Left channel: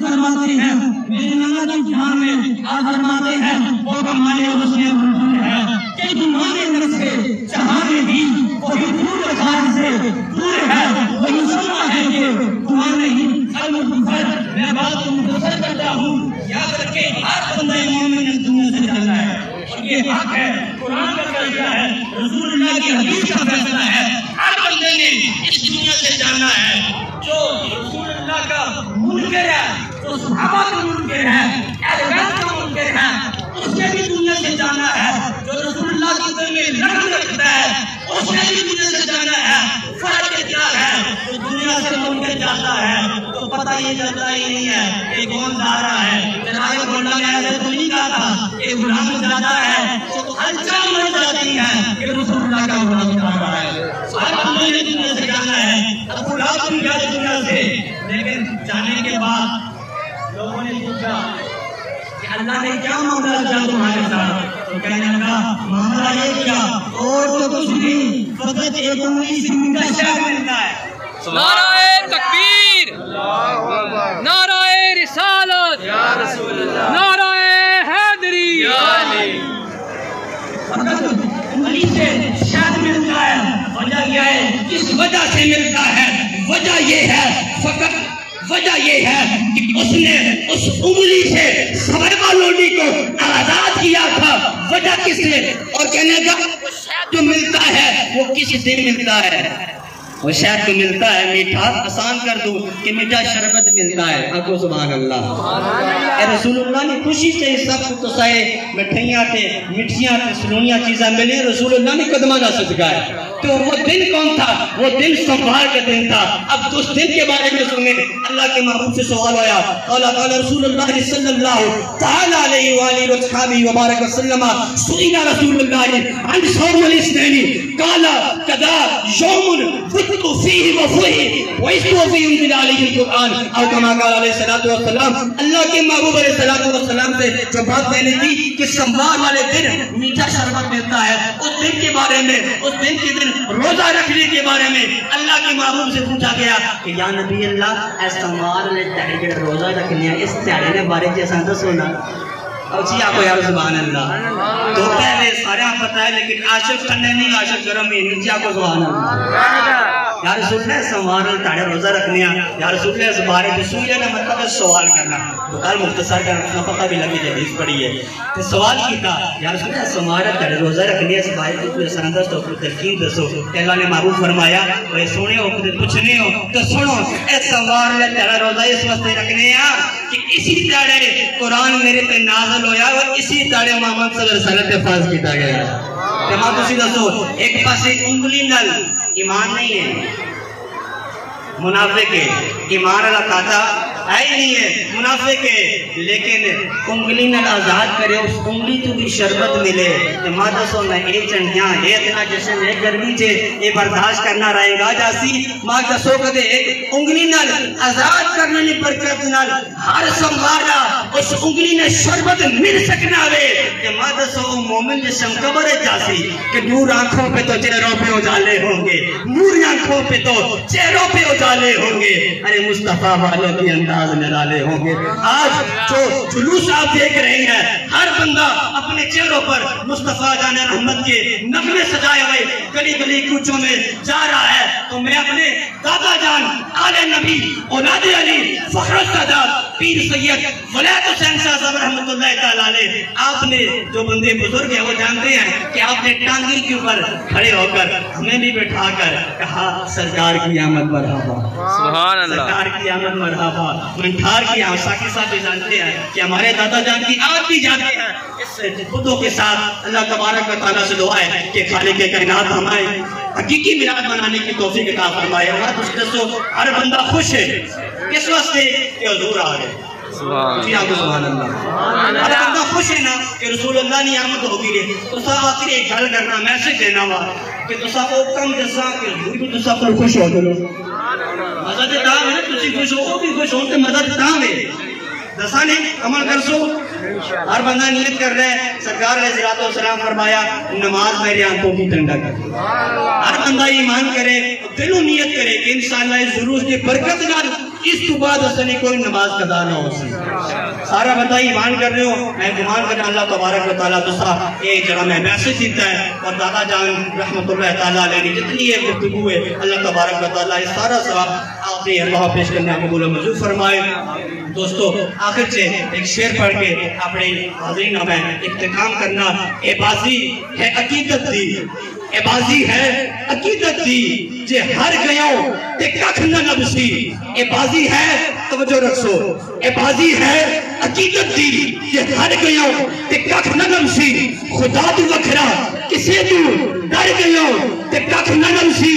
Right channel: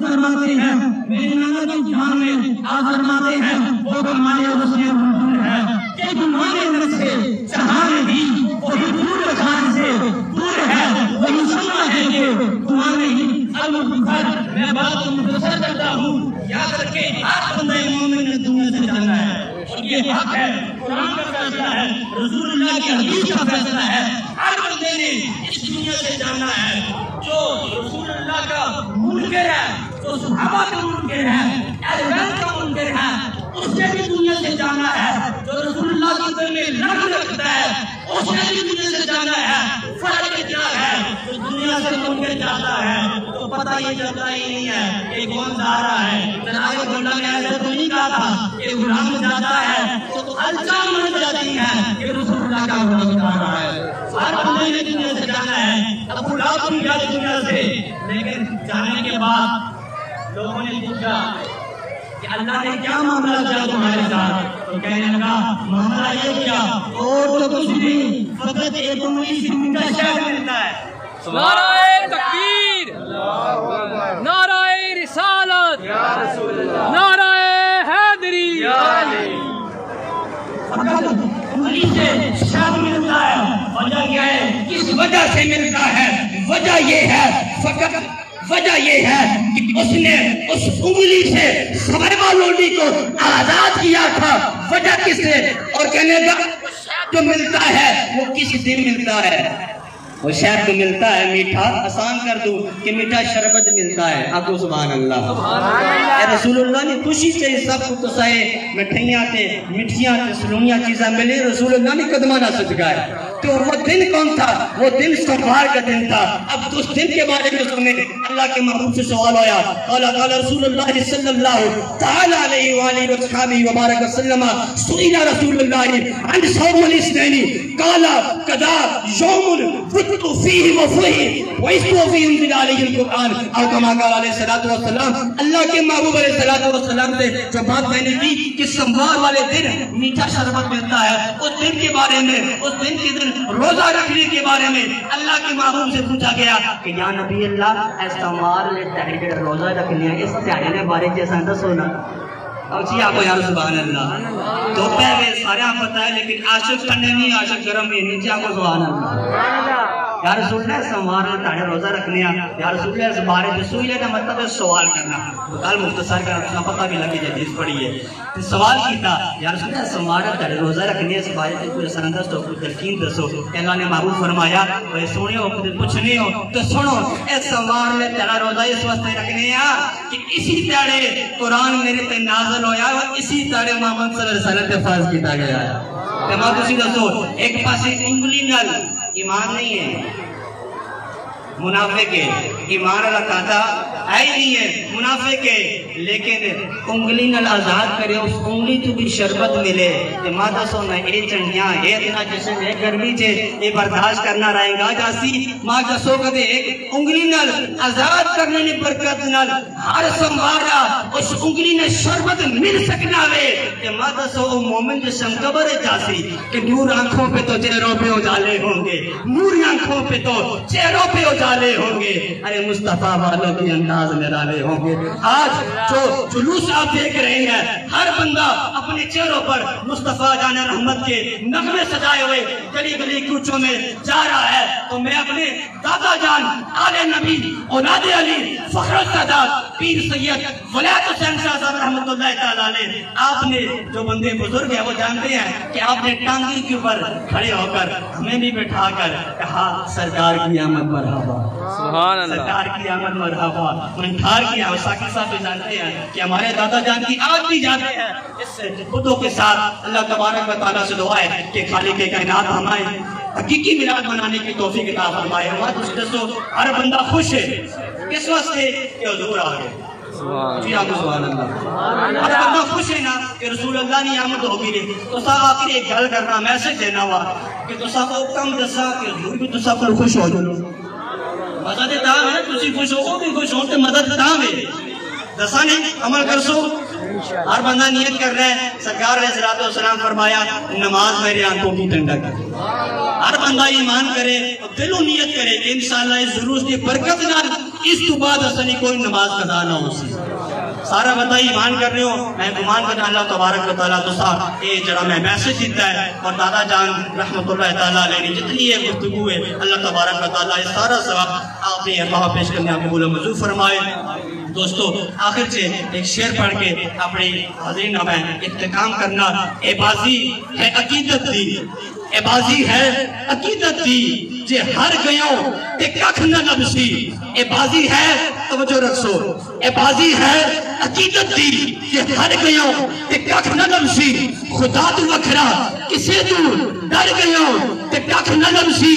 فرماتے ہیں میرے نانا کی جان میں آپ فرماتے ہیں وہ ہمارے رسول ہے کہ تمہارے اندر سے چاہنے بھی وہی دور بخار سے دور ہے وہی سننا ہے کہ تمہارے ہی المفر میں بات کو مختصر کرتا ہوں یاد رکھے ہر بندے مومن نے دنیا سے جانا ہے اور یہ حق ہے قرآن کا فیصلہ ہے رسول اللہ کی حدیث کا فیصلہ ہے ہر بندے نے اس دنیا سے جانا ہے جو رسول اللہ کا منکر ہے جو صحابہ کا منکر ہے اہل بیت کا منکر ہے اس سے بھی دنیا سے جانا ہے جو رسول اللہ کے دل میں لڑن رکھتا ہے اس سے بھی دنیا سے جانا ہے فرق کیا ہے جو دنیا سے منکر جاتا ہے تو پتہ یہ چلتا ہی نہیں ہے کہ کون جا رہا ہے جناب گونڈا نے ایسے تو نہیں کہا تھا کہ غلام جاتا ہے تو ہلچال مچ جاتی ہے کہ رسول اللہ کا غلام جا رہا ہے ہر بندے نے دنیا سے جانا ہے ابو لہب بھی گیا دنیا سے لیکن جانے کے بعد لوگوں نے پوچھا کہ اللہ نے کیا معاملہ کیا تمہارے ساتھ تو کہنے لگا معاملہ یہ کیا اور تو کچھ نہیں فقط ایک انگلی سے میٹھا شہد ملتا ہے نعرہ تکبیر نعرہ رسالت یا رسول اللہ نعرہ حیدری یا علی فقط انگلی سے شہد ملتا ہے وجہ کیا ہے کس وجہ سے ملتا ہے وجہ یہ ہے فقط وجہ یہ ہے کہ اس نے اس انگلی سے صحابہ لوڈی کو آزاد کیا تھا وجہ کس نے اور کہنے کا وہ شہد جو ملتا ہے وہ کس دن ملتا ہے وہ شہد تو ملتا ہے میٹھا آسان کر دوں کہ میٹھا شربت ملتا ہے آپ کو سبحان اللہ اے رسول اللہ نے خوشی سے سب کو کسائے مٹھائیاں تھے مٹھیاں تھے سلونیاں چیزیں ملی رسول اللہ نے قدمہ نہ سجگائے تو وہ دن کون تھا وہ دن سوموار کا دن تھا اب اس دن کے بارے میں سنیں اللہ کے محبوب سے سوال آیا قال رسول اللہ صلی اللہ تعالی علیہ وآلہ وصحبہ وبارک وسلم سئل رسول اللہ عن صوم الاثنين قال قضا يوم ذكر فيه وفيه واسمه فيه انزل عليه القرآن اور كما قال علیہ الصلوۃ والسلام اللہ کے محبوب علیہ الصلوۃ والسلام سے جو بات کہنی تھی کہ سوموار والے دن میٹھا شربت ملتا ہے اس دن کے بارے میں اس دن کے دن روزہ رکھنے کے بارے میں اللہ کے محبوب سے پوچھا گیا کہ یا نبی اللہ اس سوموار میں تہجد روزہ رکھنے اس تہجد کے بارے میں سن سنا اور جی آپ کو یار سبحان اللہ تو پہلے سارے آپ پتہ ہے لیکن عاشق ٹھنڈے نہیں عاشق گرم نہیں نیچے آپ کو سبحان اللہ یا رسول اللہ سوموار میں تہجد روزہ رکھنے یا رسول اللہ اس بارے میں سوئے کا مطلب ہے سوال کرنا بقال مختصر کا پتہ بھی لگی حدیث پڑھی ہے تو سوال کیتا یا رسول اللہ سوموار میں تہجد روزہ رکھنے اس بارے میں کوئی سندس تو کوئی تلقین دسو کہ اللہ نے محبوب فرمایا وہ سونے ہو کچھ پوچھنے ہو تو سنو اے سوموار میں تہجد روزہ اس واسطے رکھنے کہ اسی طرح قرآن میرے پہ نازل ہویا اور اسی طرح محمد صلی اللہ علیہ وسلم پہ فرض کیتا گیا ہے تمام کسی دسو ایک پاسے انگلی نل ایمان نہیں ہے منافق ہے ایمان اللہ کہتا ہے نہیں ہے منافق ہے لیکن انگلی نل آزاد کرے اس انگلی تو بھی شربت ملے ماں دسو میں اے چنڈیاں اے اتنا جشن ہے گرمی چے اے برداشت کرنا رہے گا جاسی ماں دسو کدے انگلی نل آزاد کرنے نے برکت نل ہر سموارا اس انگلی نے شربت مل سکنا وے کہ ماں دسو مومن جسم قبر جاسی کہ نور آنکھوں پہ تو چہروں پہ اجالے ہوں گے نور آنکھوں پہ تو چہروں پہ اجالے ہوں گے ارے مصطفیٰ والے کی انداز نرالے ہوں گے آج جو جلوس آپ دیکھ رہے ہیں ہر بندہ اپنے چہروں پر مصطفیٰ جان رحمت کے نغمے سجائے ہوئے گلی گلی کوچوں میں جا رہا ہے تو میں اپنے دادا جان آل نبی اولاد علی فخر السادات پیر سید ولایت حسین صاحب رحمۃ اللہ تعالی علیہ آپ نے جو بندے بزرگ ہیں وہ جانتے ہیں کہ آپ نے ٹانگی کے اوپر کھڑے ہو کر ہمیں بھی بٹھا کر کہا سرکار کی آمد مرحبا سبحان اللہ سرکار کی آمد مرحبا منٹھار کی آمد ساکی صاحب بھی جانتے ہیں کہ ہمارے دادا جان کی آج بھی جانتے ہیں اس خودوں کے ساتھ اللہ تبارک و تعالیٰ سے دعا ہے کہ خالق کائنات ہمارے حقیقی میلاد منانے کی توفیق عطا فرمائے ہر بندہ خوش ہے اس واسطے کہ حضور آ گئے جی آپ سبحان اللہ ہر بندہ خوش ہے نا کہ رسول اللہ نے آمد ہوگی ہے تو صاحب آخری ایک گل کرنا میسج دینا ہوا کہ تو صاحب کو کم دسا کہ حضور بھی تو صاحب کو خوش ہو جلو مزد تاں ہے تسی خوش ہو بھی خوش ہو تو مزد تاں ہے دسا نہیں عمل کر سو ہر بندہ نیت کر رہا ہے سرکار علیہ الصلوۃ والسلام فرمایا نماز میرے آنکھوں کی ٹھنڈک ہر بندہ ایمان کرے دلوں نیت کرے کہ انشاءاللہ اس ضرور کی برکت نال اس تو بعد اصلی کوئی نماز قضا نہ ہو سی سارا بندہ ایمان کر رہے ہو میں گمان کرنا اللہ تبارک و تعالیٰ تو صاحب ایک جڑا میں میسج دیتا ہے اور دادا جان رحمت اللہ تعالیٰ علیہ جتنی یہ گفتگو ہے اللہ تبارک و تعالیٰ یہ سارا صاحب آپ نے اللہ پیش کرنا قبول و منظور فرمائے دوستو آخر سے ایک شعر پڑھ کے اپنے حاضرین میں اختتام کرنا اے بازی ہے عقیدت دی اے بازی ہے عقیدت دی جے ہر گیوں تے ککھ نہ لبسی اے بازی ہے توجہ رکھو اے بازی ہے عقیدت دی جے ہر گیوں تے ککھ نہ لبسی خدا تو وکھرا کسے تو ڈر گیوں تے ککھ نہ لبسی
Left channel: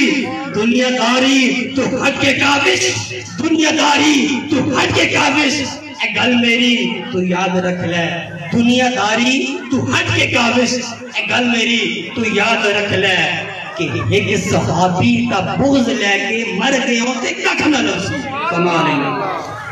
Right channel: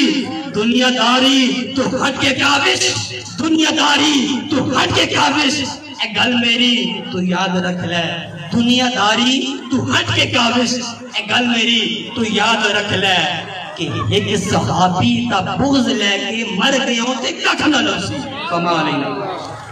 دنیا داری تو ہٹ کے کابش دنیا داری تو ہٹ کے کابش اے گل میری تو یاد رکھ لے دنیا داری تو ہٹ کے کابش اے گل میری تو یاد رکھ لے کہ ایک صحابی تا بغض لے کے مر گئے ہوتے ککھ نہ لبسی کمال اللہ